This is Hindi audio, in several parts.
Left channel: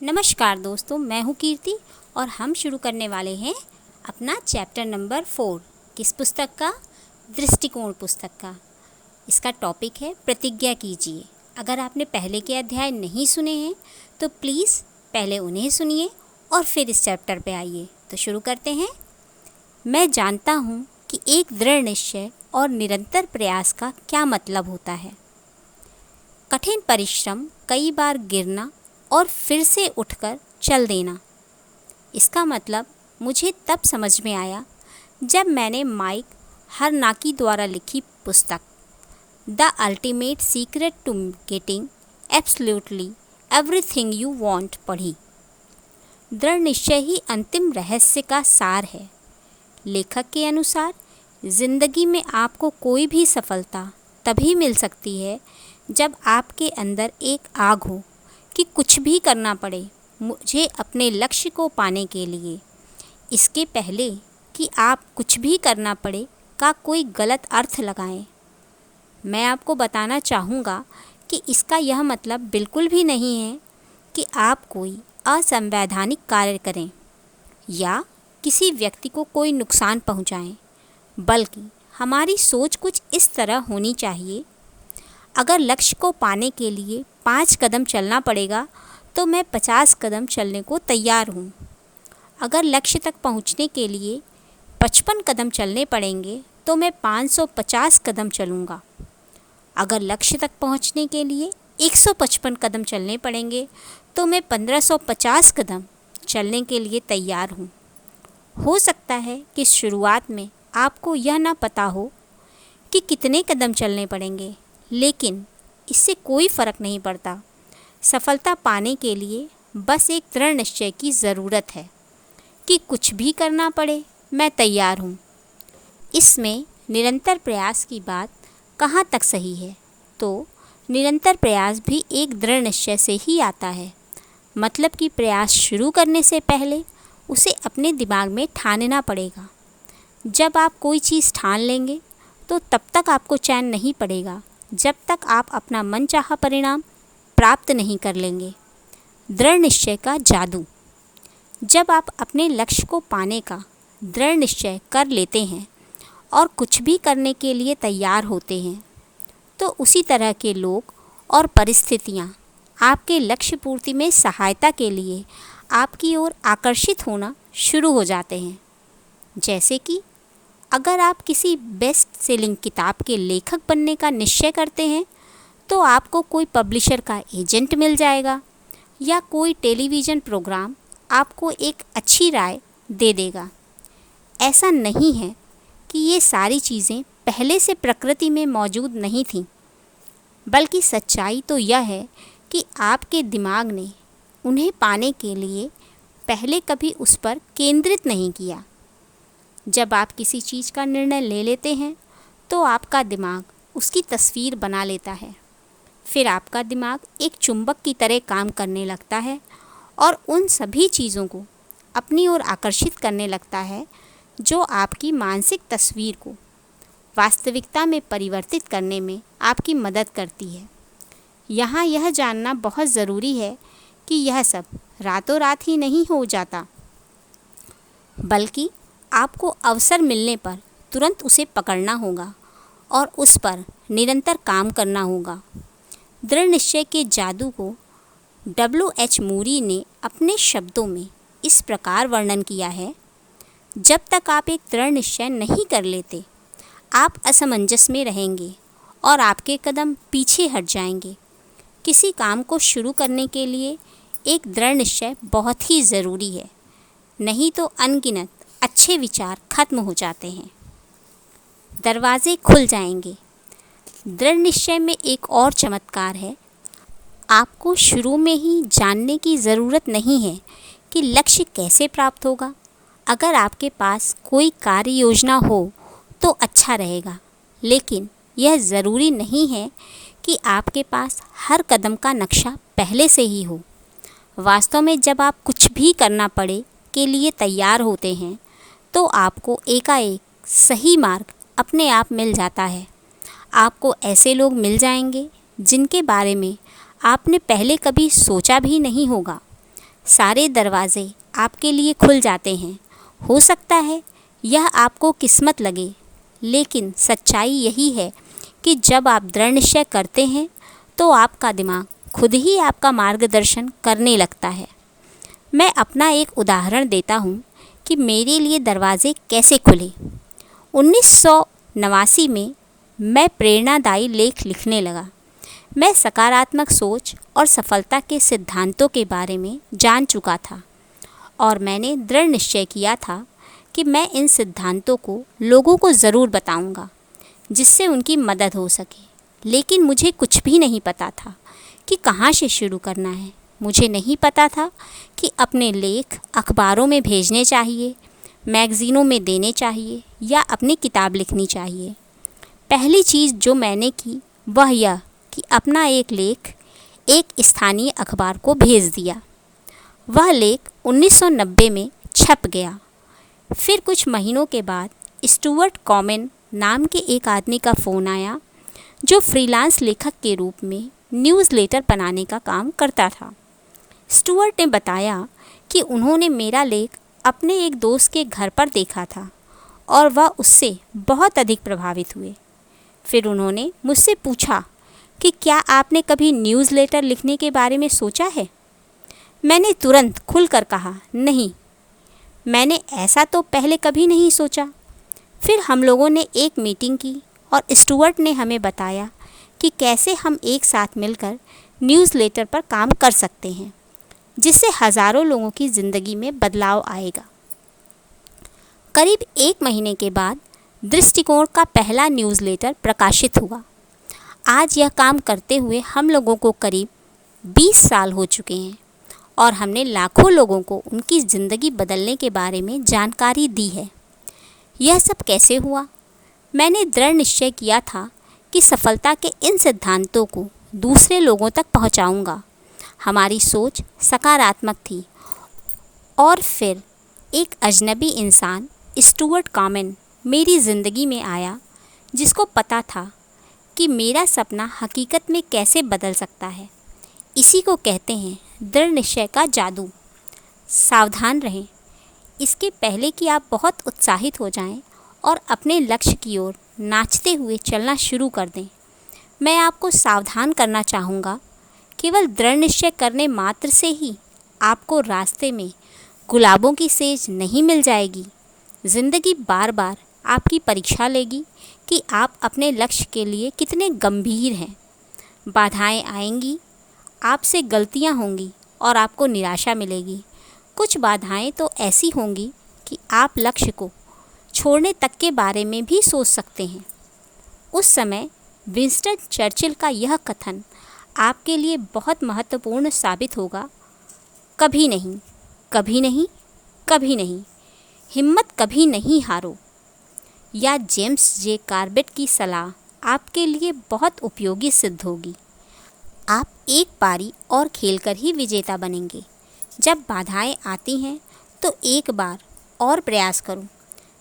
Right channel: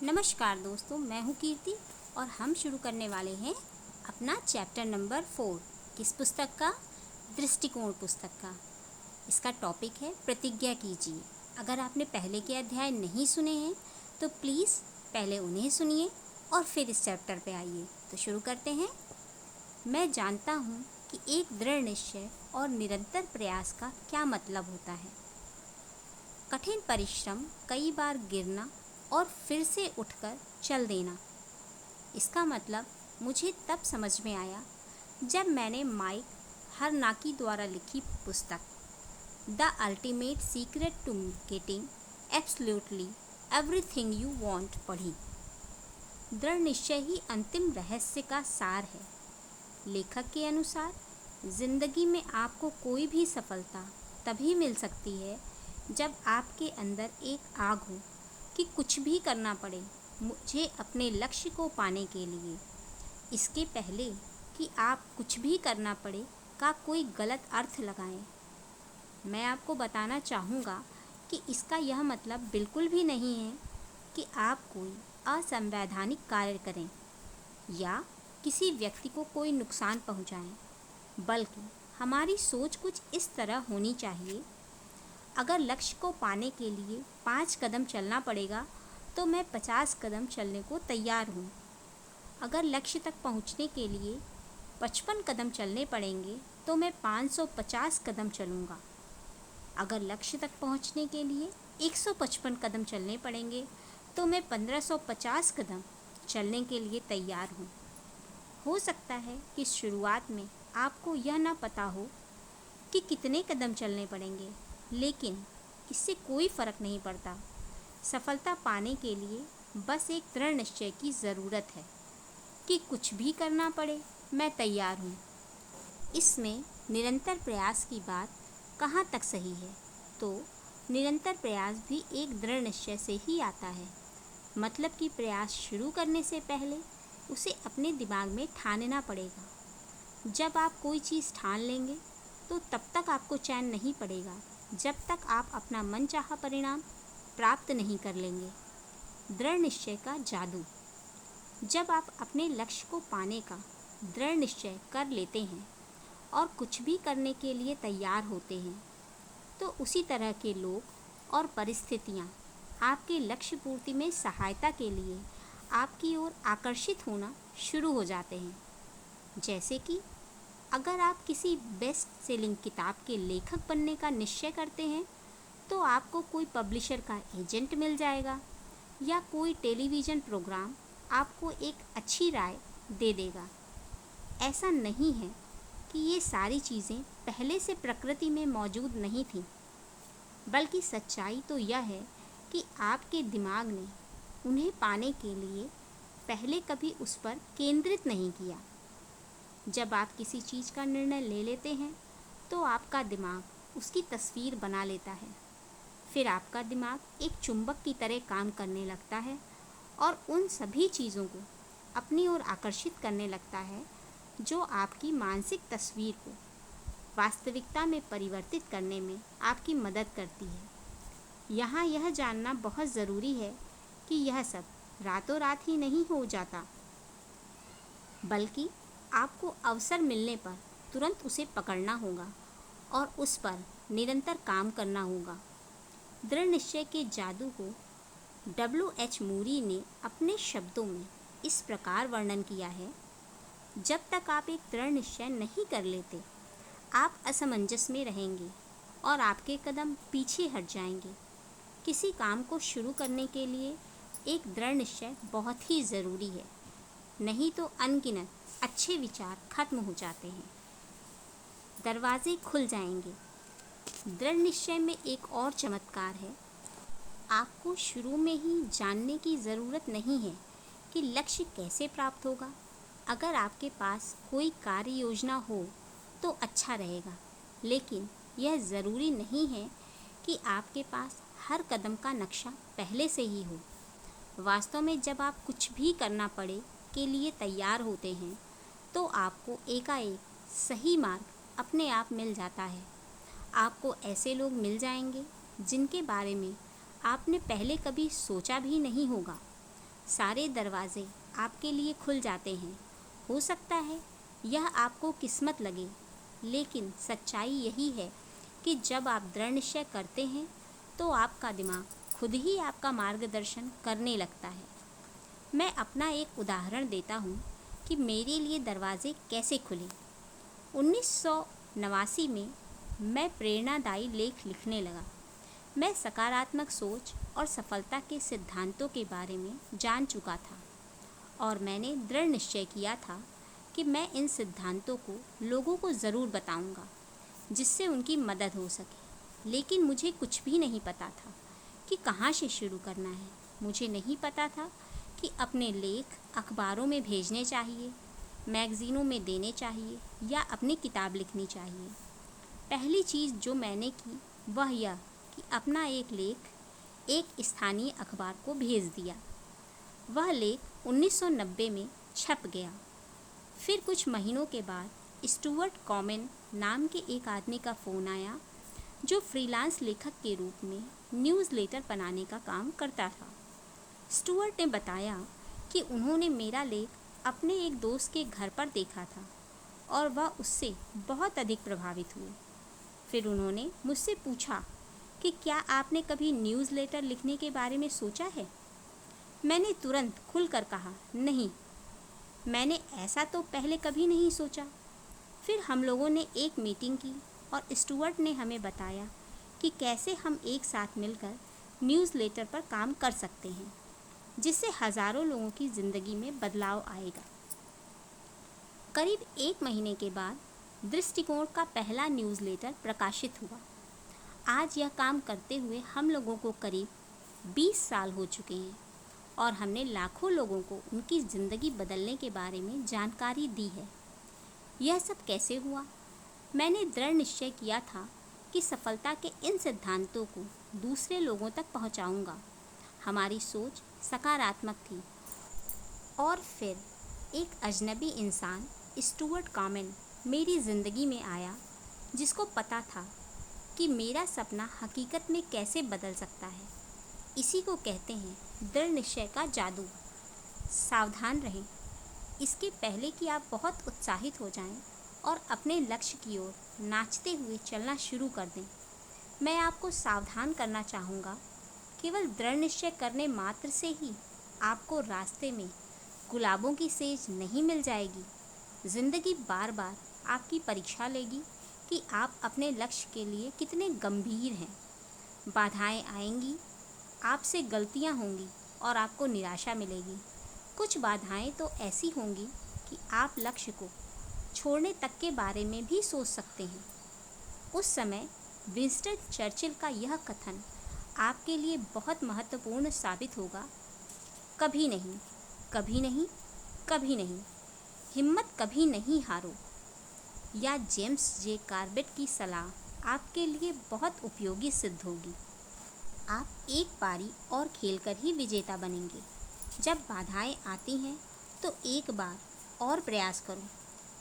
नमस्कार दोस्तों, मैं हूँ कीर्ति और हम शुरू करने वाले हैं अपना चैप्टर नंबर 4। किस पुस्तक का? दृष्टिकोण पुस्तक का। इसका टॉपिक है प्रतिज्ञा कीजिए। अगर आपने पहले के अध्याय नहीं सुने हैं तो प्लीज़ पहले उन्हें सुनिए और फिर इस चैप्टर पे आइए। तो शुरू करते हैं। मैं जानता हूँ कि एक दृढ़ निश्चय और निरंतर प्रयास का क्या मतलब होता है। कठिन परिश्रम, कई बार गिरना और फिर से उठकर चल देना। इसका मतलब मुझे तब समझ में आया जब मैंने माइक हरनाकी द्वारा लिखी पुस्तक the ultimate secret to getting absolutely everything you want पढ़ी। दृढ़ निश्चय ही अंतिम रहस्य का सार है। लेखक के अनुसार जिंदगी में आपको कोई भी सफलता तभी मिल सकती है जब आपके अंदर एक आग हो कि कुछ भी करना पड़े मुझे अपने लक्ष्य को पाने के लिए। इसके पहले कि आप कुछ भी करना पड़े का कोई गलत अर्थ लगाएं। मैं आपको बताना चाहूँगा कि इसका यह मतलब बिल्कुल भी नहीं है कि आप कोई असंवैधानिक कार्य करें या किसी व्यक्ति को कोई नुकसान पहुँचाएं, बल्कि हमारी सोच कुछ इस तरह होनी चाहिए। अगर लक्ष्य को पाने के लिए 5 कदम चलना पड़ेगा तो मैं 50 कदम चलने को तैयार हूँ। अगर लक्ष्य तक पहुँचने के लिए 55 कदम चलने पड़ेंगे तो मैं 550 कदम चलूँगा। अगर लक्ष्य तक पहुँचने के लिए 155 कदम चलने पड़ेंगे तो मैं 1550 कदम चलने के लिए तैयार हूँ। हो सकता है कि शुरुआत में आपको यह ना पता हो कि कितने कदम चलने पड़ेंगे, लेकिन इससे कोई फ़र्क नहीं पड़ता। सफलता पाने के लिए बस एक दृढ़ निश्चय की ज़रूरत है कि कुछ भी करना पड़े मैं तैयार हूँ। इसमें निरंतर प्रयास की बात कहाँ तक सही है? तो निरंतर प्रयास भी एक दृढ़ निश्चय से ही आता है। मतलब कि प्रयास शुरू करने से पहले उसे अपने दिमाग में ठानना पड़ेगा। जब आप कोई चीज़ ठान लेंगे तो तब तक आपको चैन नहीं पड़ेगा जब तक आप अपना मनचाहा परिणाम प्राप्त नहीं कर लेंगे। दृढ़ निश्चय का जादू। जब आप अपने लक्ष्य को पाने का दृढ़ निश्चय कर लेते हैं और कुछ भी करने के लिए तैयार होते हैं तो उसी तरह के लोग और परिस्थितियाँ आपके लक्ष्य पूर्ति में सहायता के लिए आपकी ओर आकर्षित होना शुरू हो जाते हैं। जैसे कि अगर आप किसी बेस्ट सेलिंग किताब के लेखक बनने का निश्चय करते हैं तो आपको कोई पब्लिशर का एजेंट मिल जाएगा या कोई टेलीविज़न प्रोग्राम आपको एक अच्छी राय दे देगा। ऐसा नहीं है कि ये सारी चीज़ें पहले से प्रकृति में मौजूद नहीं थीं, बल्कि सच्चाई तो यह है कि आपके दिमाग ने उन्हें पाने के लिए पहले कभी उस पर केंद्रित नहीं किया। जब आप किसी चीज़ का निर्णय ले लेते हैं तो आपका दिमाग उसकी तस्वीर बना लेता है। फिर आपका दिमाग एक चुंबक की तरह काम करने लगता है और उन सभी चीज़ों को अपनी ओर आकर्षित करने लगता है जो आपकी मानसिक तस्वीर को वास्तविकता में परिवर्तित करने में आपकी मदद करती है। यहाँ यह जानना बहुत ज़रूरी है कि यह सब रातों रात ही नहीं हो जाता, बल्कि आपको अवसर मिलने पर तुरंत उसे पकड़ना होगा और उस पर निरंतर काम करना होगा। दृढ़ निश्चय के जादू को W.H. मूरी ने अपने शब्दों में इस प्रकार वर्णन किया है। जब तक आप एक दृढ़ निश्चय नहीं कर लेते, आप असमंजस में रहेंगे और आपके कदम पीछे हट जाएंगे। किसी काम को शुरू करने के लिए एक दृढ़ निश्चय बहुत ही ज़रूरी है, नहीं तो अनगिनत अच्छे विचार खत्म हो जाते हैं। दरवाजे खुल जाएंगे। दृढ़ निश्चय में एक और चमत्कार है। आपको शुरू में ही जानने की ज़रूरत नहीं है कि लक्ष्य कैसे प्राप्त होगा। अगर आपके पास कोई कार्य योजना हो तो अच्छा रहेगा, लेकिन यह ज़रूरी नहीं है कि आपके पास हर कदम का नक्शा पहले से ही हो। वास्तव में जब आप कुछ भी करना पड़े के लिए तैयार होते हैं तो आपको एकाएक सही मार्ग अपने आप मिल जाता है। आपको ऐसे लोग मिल जाएंगे जिनके बारे में आपने पहले कभी सोचा भी नहीं होगा। सारे दरवाजे आपके लिए खुल जाते हैं। हो सकता है यह आपको किस्मत लगे, लेकिन सच्चाई यही है कि जब आप दृढ़ निश्चय करते हैं तो आपका दिमाग खुद ही आपका मार्गदर्शन करने लगता है। मैं अपना एक उदाहरण देता हूँ कि मेरे लिए दरवाजे कैसे खुले। 1989 में मैं प्रेरणादायी लेख लिखने लगा। मैं सकारात्मक सोच और सफलता के सिद्धांतों के बारे में जान चुका था और मैंने दृढ़ निश्चय किया था कि मैं इन सिद्धांतों को लोगों को ज़रूर बताऊंगा, जिससे उनकी मदद हो सके। लेकिन मुझे कुछ भी नहीं पता था कि कहाँ से शुरू करना है। मुझे नहीं पता था कि अपने लेख अखबारों में भेजने चाहिए, मैगज़ीनों में देने चाहिए या अपनी किताब लिखनी चाहिए। पहली चीज़ जो मैंने की वह यह कि अपना एक लेख एक स्थानीय अखबार को भेज दिया। वह लेख 1990 में छप गया। फिर कुछ महीनों के बाद स्टुअर्ट कॉमेन नाम के एक आदमी का फ़ोन आया, जो फ्रीलांस लेखक के रूप में न्यूज़लेटर बनाने का काम करता था। स्टुअर्ट ने बताया कि उन्होंने मेरा लेख अपने एक दोस्त के घर पर देखा था और वह उससे बहुत अधिक प्रभावित हुए। फिर उन्होंने मुझसे पूछा कि क्या आपने कभी न्यूज़लेटर लिखने के बारे में सोचा है। मैंने तुरंत खुलकर कहा, नहीं, मैंने ऐसा तो पहले कभी नहीं सोचा। फिर हम लोगों ने एक मीटिंग की और स्टुअर्ट ने हमें बताया कि कैसे हम एक साथ मिलकर न्यूज़लेटर पर काम कर सकते हैं, जिससे हज़ारों लोगों की ज़िंदगी में बदलाव आएगा। करीब 1 महीने के बाद दृष्टिकोण का पहला न्यूज़लेटर प्रकाशित हुआ। आज यह काम करते हुए हम लोगों को करीब 20 साल हो चुके हैं और हमने लाखों लोगों को उनकी ज़िंदगी बदलने के बारे में जानकारी दी है। यह सब कैसे हुआ? मैंने दृढ़ निश्चय किया था कि सफलता के इन सिद्धांतों को दूसरे लोगों तक पहुंचाऊंगा। हमारी सोच सकारात्मक थी और फिर एक अजनबी इंसान स्टुअर्ट कॉमेन मेरी ज़िंदगी में आया, जिसको पता था कि मेरा सपना हकीकत में कैसे बदल सकता है। इसी को कहते हैं दृढ़ निश्चय का जादू। सावधान रहें, इसके पहले कि आप बहुत उत्साहित हो जाएं और अपने लक्ष्य की ओर नाचते हुए चलना शुरू कर दें। मैं आपको सावधान करना चाहूँगा, केवल दृढ़ निश्चय करने मात्र से ही आपको रास्ते में गुलाबों की सेज नहीं मिल जाएगी। ज़िंदगी बार बार आपकी परीक्षा लेगी कि आप अपने लक्ष्य के लिए कितने गंभीर हैं। बाधाएं आएंगी, आपसे गलतियां होंगी और आपको निराशा मिलेगी। कुछ बाधाएं तो ऐसी होंगी कि आप लक्ष्य को छोड़ने तक के बारे में भी सोच सकते हैं। उस समय विंस्टन चर्चिल का यह कथन आपके लिए बहुत महत्वपूर्ण साबित होगा, कभी नहीं, कभी नहीं, कभी नहीं, हिम्मत कभी नहीं हारो। या जेम्स जे कार्बेट की सलाह आपके लिए बहुत उपयोगी सिद्ध होगी। आप एक पारी और खेलकर ही विजेता बनेंगे। जब बाधाएं आती हैं तो एक बार और प्रयास करो।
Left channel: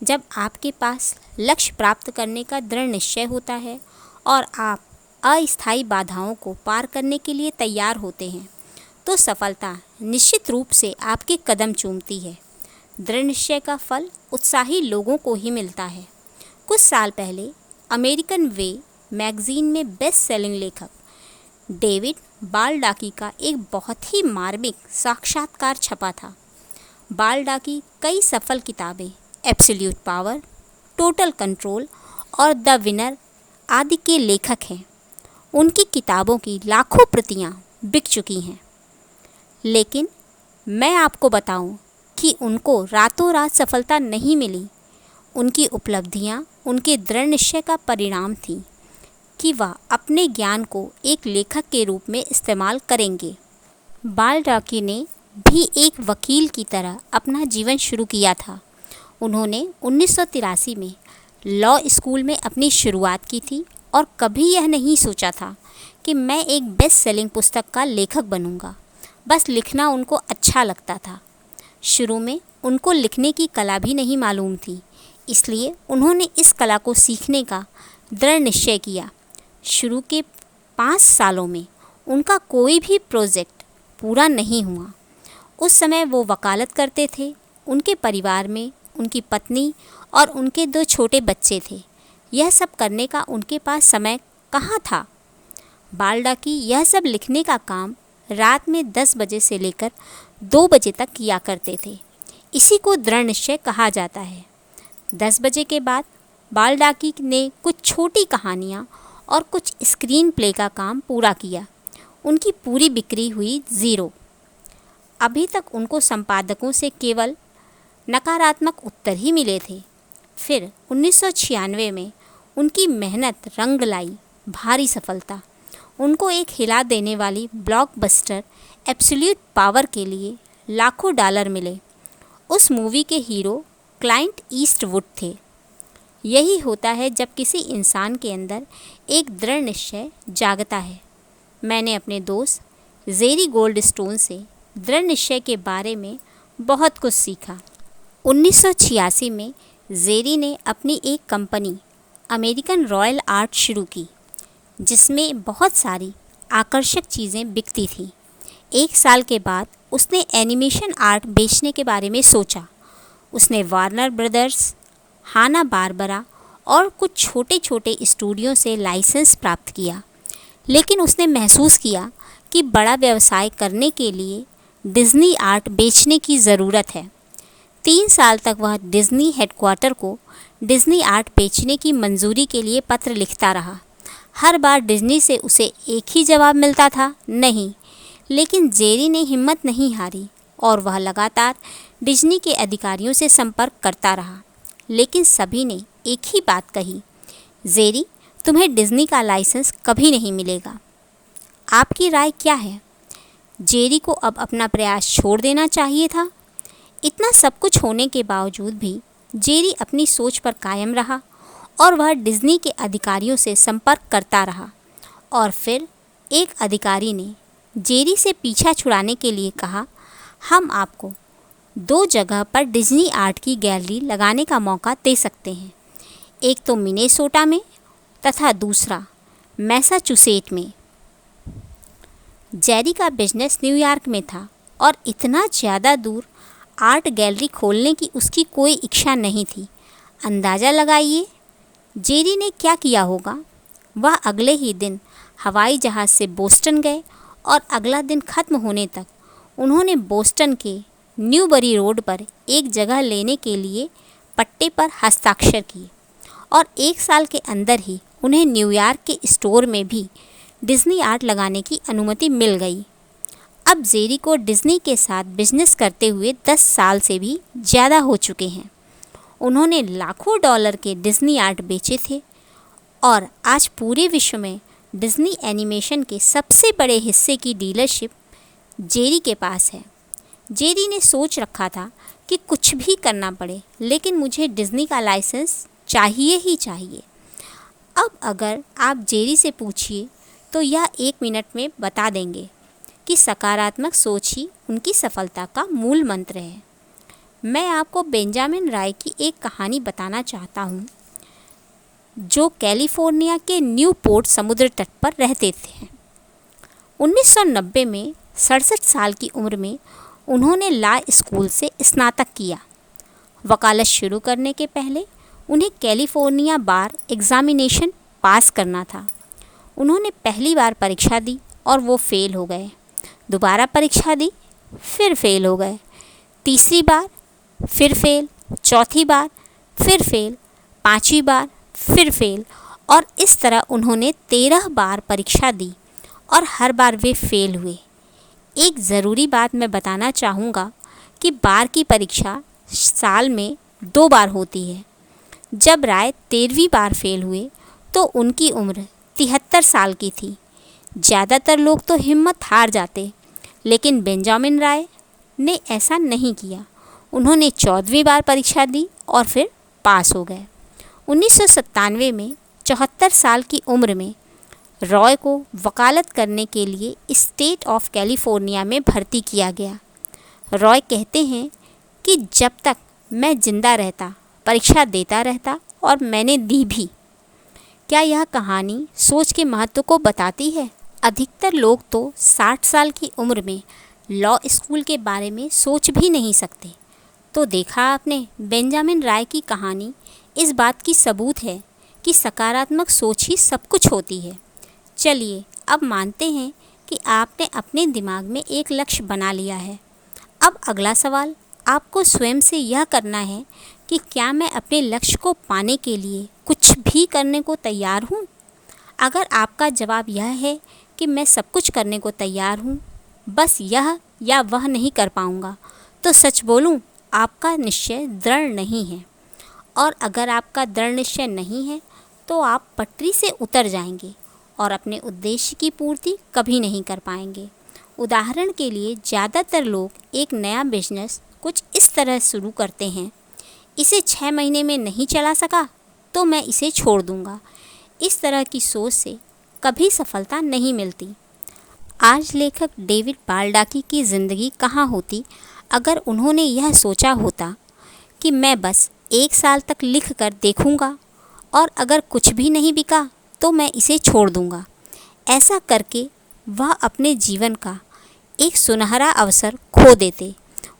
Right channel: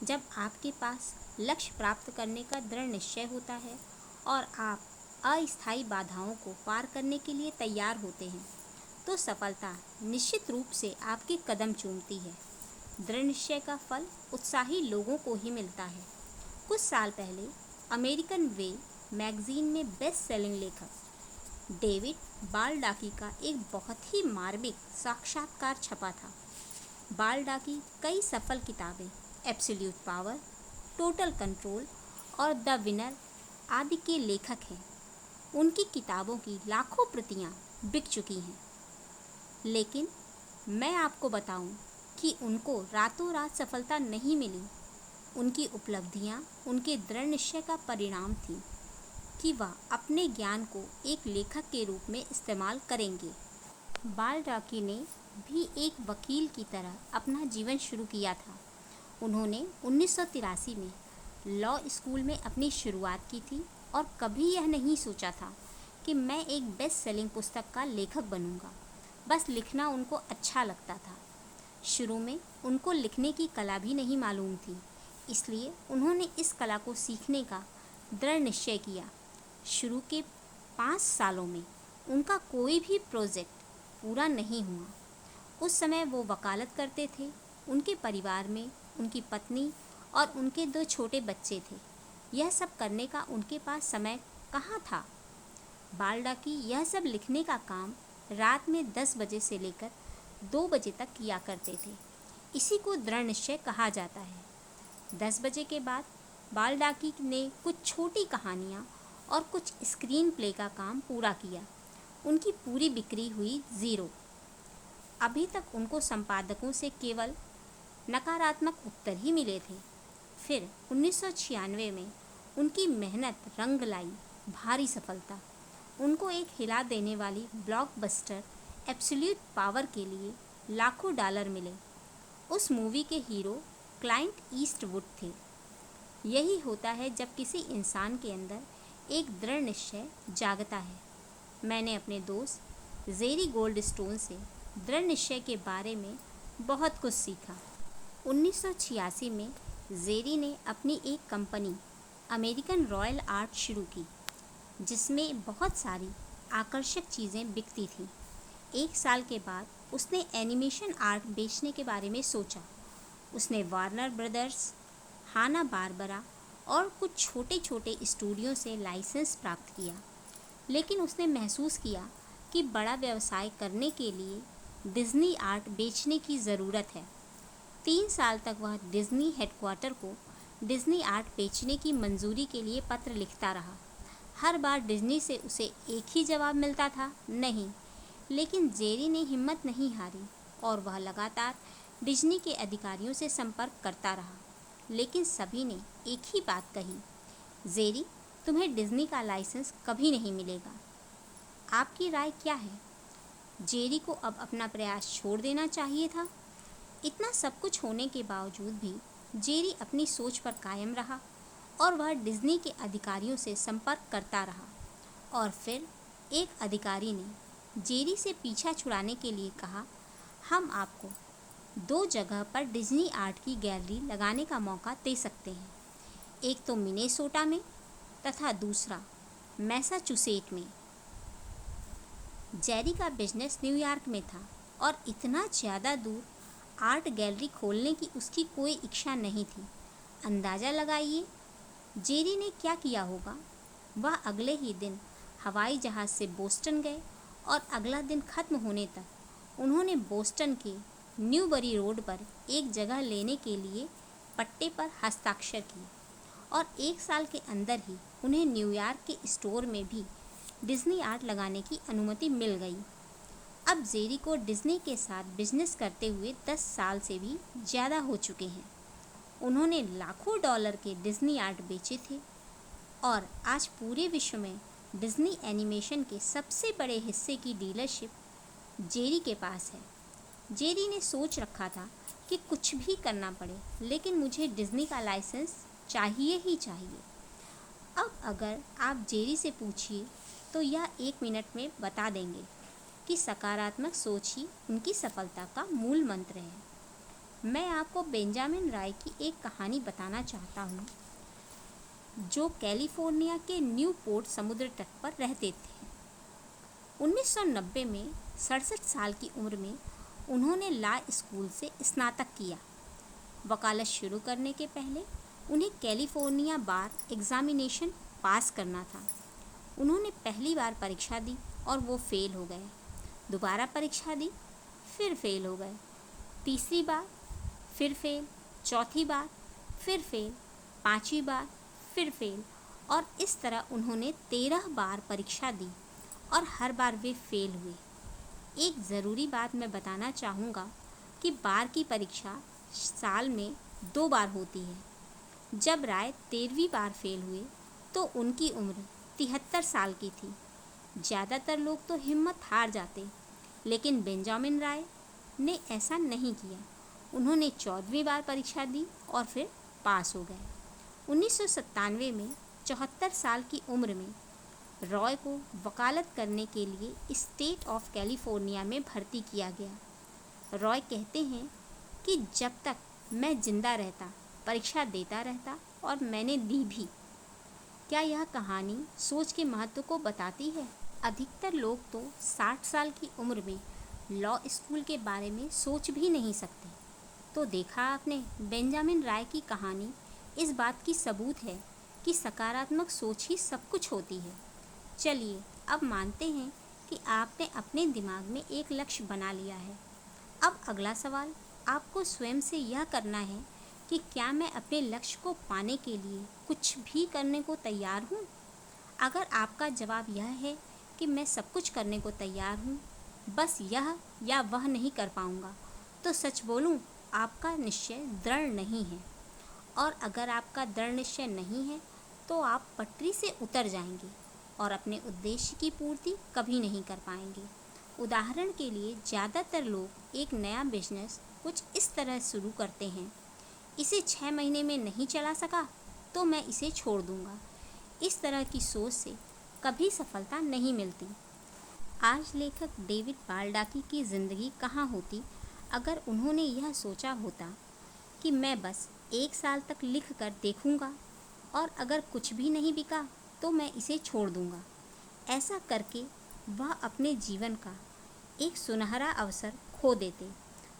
जब आपके पास लक्ष्य प्राप्त करने का दृढ़ निश्चय होता है और आप अस्थायी बाधाओं को पार करने के लिए तैयार होते हैं, तो सफलता निश्चित रूप से आपके कदम चूमती है। दृढ़ निश्चय का फल उत्साही लोगों को ही मिलता है। कुछ साल पहले अमेरिकन वे मैगज़ीन में बेस्ट सेलिंग लेखक डेविड बाल्डाकी का एक बहुत ही मार्मिक साक्षात्कार छपा था। बाल्डाकी कई सफल किताबें एब्सोल्यूट पावर, टोटल कंट्रोल और द विनर आदि के लेखक हैं। उनकी किताबों की लाखों प्रतियां बिक चुकी हैं। लेकिन मैं आपको बताऊं कि उनको रातों रात सफलता नहीं मिली। उनकी उपलब्धियां उनके दृढ़ निश्चय का परिणाम थी कि वह अपने ज्ञान को एक लेखक के रूप में इस्तेमाल करेंगे। बाल्डाकी ने भी एक वकील की तरह अपना जीवन शुरू किया था। उन्होंने 1983 में लॉ स्कूल में अपनी शुरुआत की थी और कभी यह नहीं सोचा था कि मैं एक बेस्ट सेलिंग पुस्तक का लेखक बनूंगा। बस लिखना उनको अच्छा लगता था। शुरू में उनको लिखने की कला भी नहीं मालूम थी, इसलिए उन्होंने इस कला को सीखने का दृढ़ निश्चय किया। शुरू के 5 सालों में उनका कोई भी प्रोजेक्ट पूरा नहीं हुआ। उस समय वो वकालत करते थे। उनके परिवार में उनकी पत्नी और उनके 2 छोटे बच्चे थे। यह सब करने का उनके पास समय कहाँ था। बालडाकी यह सब लिखने का काम रात में 10 बजे से लेकर 2 बजे तक किया करते थे। इसी को दृढ़ निश्चय कहा जाता है। 10 बजे के बाद बालडाकी ने कुछ छोटी कहानियाँ और कुछ स्क्रीन प्ले का काम पूरा किया। उनकी पूरी बिक्री हुई 0। अभी तक उनको संपादकों से केवल नकारात्मक उत्तर ही मिले थे। फिर 1996 में उनकी मेहनत रंग लाई भारी सफलता। उनको एक हिला देने वाली ब्लॉकबस्टर एब्सोल्यूट पावर के लिए लाखों डॉलर मिले। उस मूवी के हीरो क्लाइंट ईस्टवुड थे। यही होता है जब किसी इंसान के अंदर एक दृढ़ निश्चय जागता है। मैंने अपने दोस्त जेरी गोल्डस्टोन से दृढ़ निश्चय के बारे में बहुत कुछ सीखा। 1986 में जेरी ने अपनी एक कंपनी अमेरिकन रॉयल आर्ट शुरू की, जिसमें बहुत सारी आकर्षक चीज़ें बिकती थीं। 1 साल के बाद उसने एनिमेशन आर्ट बेचने के बारे में सोचा। उसने वार्नर ब्रदर्स, हाना बारबरा और कुछ छोटे छोटे स्टूडियो से लाइसेंस प्राप्त किया, लेकिन उसने महसूस किया कि बड़ा व्यवसाय करने के लिए डिज्नी आर्ट बेचने की ज़रूरत है। 3 साल तक वह डिज्नी हेडक्वार्टर को डिज्नी आर्ट बेचने की मंजूरी के लिए पत्र लिखता रहा। हर बार डिज्नी से उसे एक ही जवाब मिलता था, नहीं। लेकिन जेरी ने हिम्मत नहीं हारी और वह लगातार डिज्नी के अधिकारियों से संपर्क करता रहा। लेकिन सभी ने एक ही बात कही, जेरी, तुम्हें डिज्नी का लाइसेंस कभी नहीं मिलेगा। आपकी राय क्या है? जेरी को अब अपना प्रयास छोड़ देना चाहिए था। इतना सब कुछ होने के बावजूद भी जेरी अपनी सोच पर कायम रहा और वह डिज्नी के अधिकारियों से संपर्क करता रहा। और फिर एक अधिकारी ने जेरी से पीछा छुड़ाने के लिए कहा, हम आपको 2 जगह पर डिज्नी आर्ट की गैलरी लगाने का मौका दे सकते हैं, एक तो मिनेसोटा में तथा दूसरा मैसाचुसेट में। जेरी का बिजनेस न्यूयॉर्क में था और इतना ज़्यादा दूर आर्ट गैलरी खोलने की उसकी कोई इच्छा नहीं थी। अंदाज़ा लगाइए जेरी ने क्या किया होगा। वह अगले ही दिन हवाई जहाज़ से बोस्टन गए और अगला दिन ख़त्म होने तक उन्होंने बोस्टन के न्यूबरी रोड पर एक जगह लेने के लिए पट्टे पर हस्ताक्षर किए और 1 साल के अंदर ही उन्हें न्यूयॉर्क के स्टोर में भी डिज्नी आर्ट लगाने की अनुमति मिल गई। अब जेरी को डिज्नी के साथ बिजनेस करते हुए 10 साल से भी ज़्यादा हो चुके हैं। उन्होंने लाखों डॉलर के डिज्नी आर्ट बेचे थे और आज पूरे विश्व में डिज्नी एनिमेशन के सबसे बड़े हिस्से की डीलरशिप जेरी के पास है। जेरी ने सोच रखा था कि कुछ भी करना पड़े, लेकिन मुझे डिज्नी का लाइसेंस चाहिए ही चाहिए। अब अगर आप जेरी से पूछिए तो यह 1 मिनट में बता देंगे कि सकारात्मक सोच ही उनकी सफलता का मूल मंत्र है। मैं आपको बेंजामिन राय की एक कहानी बताना चाहता हूँ, जो कैलिफोर्निया के न्यूपोर्ट समुद्र तट पर रहते थे। 1990 में 67 साल की उम्र में उन्होंने लॉ स्कूल से स्नातक किया। वकालत शुरू करने के पहले उन्हें कैलिफोर्निया बार एग्जामिनेशन पास करना था। उन्होंने पहली बार परीक्षा दी और वो फेल हो गए। दोबारा परीक्षा दी, फिर फेल हो गए। तीसरी बार फिर फेल, चौथी बार फिर फेल, 5वीं बार फिर फेल और इस तरह उन्होंने 13 बार परीक्षा दी और हर बार वे फेल हुए। एक ज़रूरी बात मैं बताना चाहूँगा कि बार की परीक्षा साल में 2 बार होती है। जब राय 13वीं बार फेल हुए तो उनकी उम्र 73 साल की थी। ज़्यादातर लोग तो हिम्मत हार जाते, लेकिन बेंजामिन राय ने ऐसा नहीं किया। उन्होंने 14वीं बार परीक्षा दी और फिर पास हो गए। 1997 में 74 साल की उम्र में रॉय को वकालत करने के लिए स्टेट ऑफ कैलिफोर्निया में भर्ती किया गया। रॉय कहते हैं कि जब तक मैं जिंदा रहता परीक्षा देता रहता और मैंने दी भी। क्या यह कहानी सोच के महत्व को बताती है? अधिकतर लोग तो 60 साल की उम्र में लॉ स्कूल के बारे में सोच भी नहीं सकते। तो देखा आपने, बेंजामिन राय की कहानी इस बात की सबूत है कि सकारात्मक सोच ही सब कुछ होती है। चलिए अब मानते हैं कि आपने अपने दिमाग में एक लक्ष्य बना लिया है। अब अगला सवाल आपको स्वयं से यह करना है कि क्या मैं अपने लक्ष्य को पाने के लिए कुछ भी करने को तैयार हूँ? अगर आपका जवाब यह है कि मैं सब कुछ करने को तैयार हूँ, बस यह या वह नहीं कर पाऊँगा, तो सच बोलूँ आपका निश्चय दृढ़ नहीं है। और अगर आपका दृढ़ निश्चय नहीं है तो आप पटरी से उतर जाएंगे और अपने उद्देश्य की पूर्ति कभी नहीं कर पाएंगे। उदाहरण के लिए ज़्यादातर लोग एक नया बिजनेस कुछ इस तरह शुरू करते हैं, इसे 6 महीने में नहीं चला सका तो मैं इसे छोड़ दूंगा। इस तरह की सोच से कभी सफलता नहीं मिलती। आज लेखक डेविड बाल्डाकी की ज़िंदगी कहाँ होती अगर उन्होंने यह सोचा होता कि मैं बस 1 साल तक लिख कर देखूँगा और अगर कुछ भी नहीं बिका तो मैं इसे छोड़ दूँगा। ऐसा करके वह अपने जीवन का एक सुनहरा अवसर खो देते।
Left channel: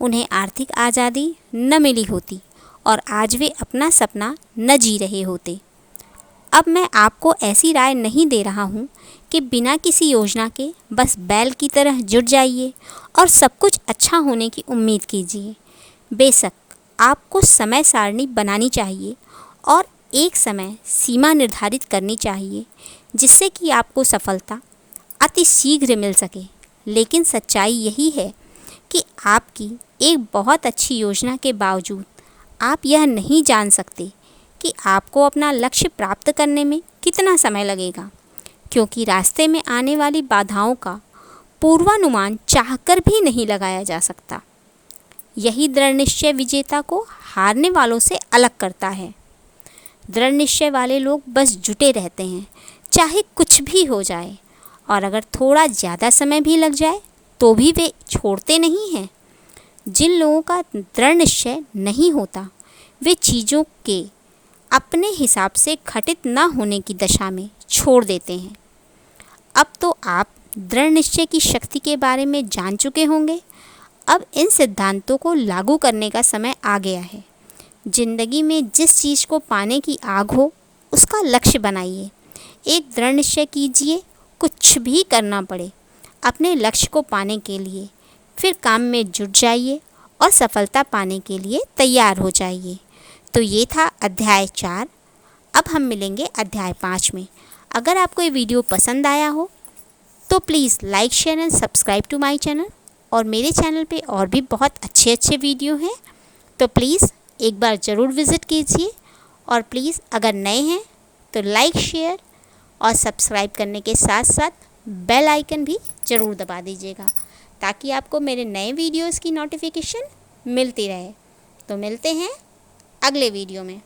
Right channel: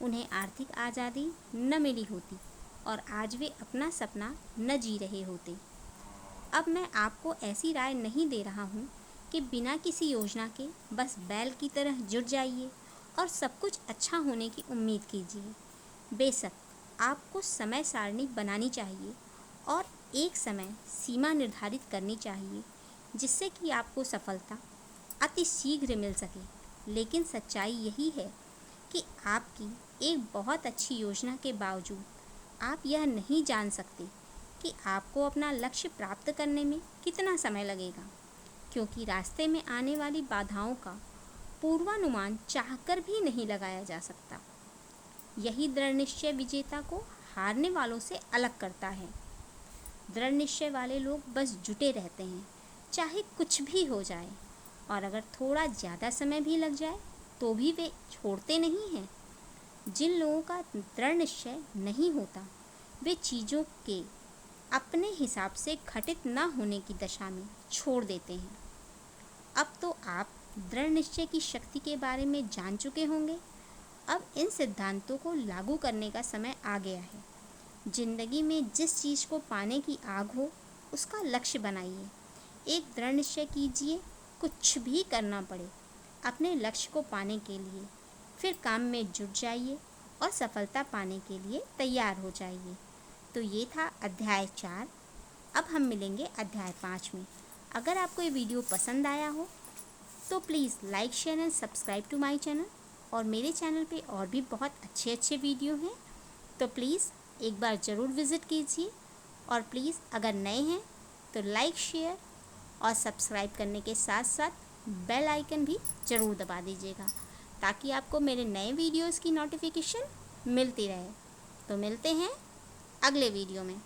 उन्हें आर्थिक आज़ादी न मिली होती और आज वे अपना सपना न जी रहे होते। अब मैं आपको ऐसी राय नहीं दे रहा हूँ कि बिना किसी योजना के बस बैल की तरह जुट जाइए और सब कुछ अच्छा होने की उम्मीद कीजिए। बेशक आपको समय सारणी बनानी चाहिए और एक समय सीमा निर्धारित करनी चाहिए जिससे कि आपको सफलता अति शीघ्र मिल सके। लेकिन सच्चाई यही है कि आपकी एक बहुत अच्छी योजना के बावजूद आप यह नहीं जान सकते कि आपको अपना लक्ष्य प्राप्त करने में कितना समय लगेगा, क्योंकि रास्ते में आने वाली बाधाओं का पूर्वानुमान चाहकर भी नहीं लगाया जा सकता। यही दृढ़ निश्चय विजेता को हारने वालों से अलग करता है। दृढ़ निश्चय वाले लोग बस जुटे रहते हैं, चाहे कुछ भी हो जाए, और अगर थोड़ा ज़्यादा समय भी लग जाए तो भी वे छोड़ते नहीं हैं। जिन लोगों का दृढ़ निश्चय नहीं होता वे चीज़ों के अपने हिसाब से घटित न होने की दशा में छोड़ देते हैं। अब तो आप दृढ़ निश्चय की शक्ति के बारे में जान चुके होंगे। अब इन सिद्धांतों को लागू करने का समय आ गया है। जिंदगी में जिस चीज़ को पाने की आग हो उसका लक्ष्य बनाइए। एक दृढ़ निश्चय कीजिए, कुछ भी करना पड़े अपने लक्ष्य को पाने के लिए, फिर काम में जुट जाइए और सफलता पाने के लिए तैयार हो जाइए। तो ये था अध्याय 4। अब हम मिलेंगे अध्याय 5 में। अगर आपको ये वीडियो पसंद आया हो तो please like share and subscribe to my channel. और मेरे चैनल पे और भी बहुत अच्छे अच्छे वीडियो हैं, तो प्लीज़ एक बार ज़रूर विज़िट कीजिए। और प्लीज़ अगर नए हैं तो लाइक शेयर और सब्सक्राइब करने के साथ साथ बेल आइकन भी ज़रूर दबा दीजिएगा ताकि आपको मेरे नए वीडियोज़ की नोटिफिकेशन मिलती रहे। तो मिलते हैं अगले वीडियो में।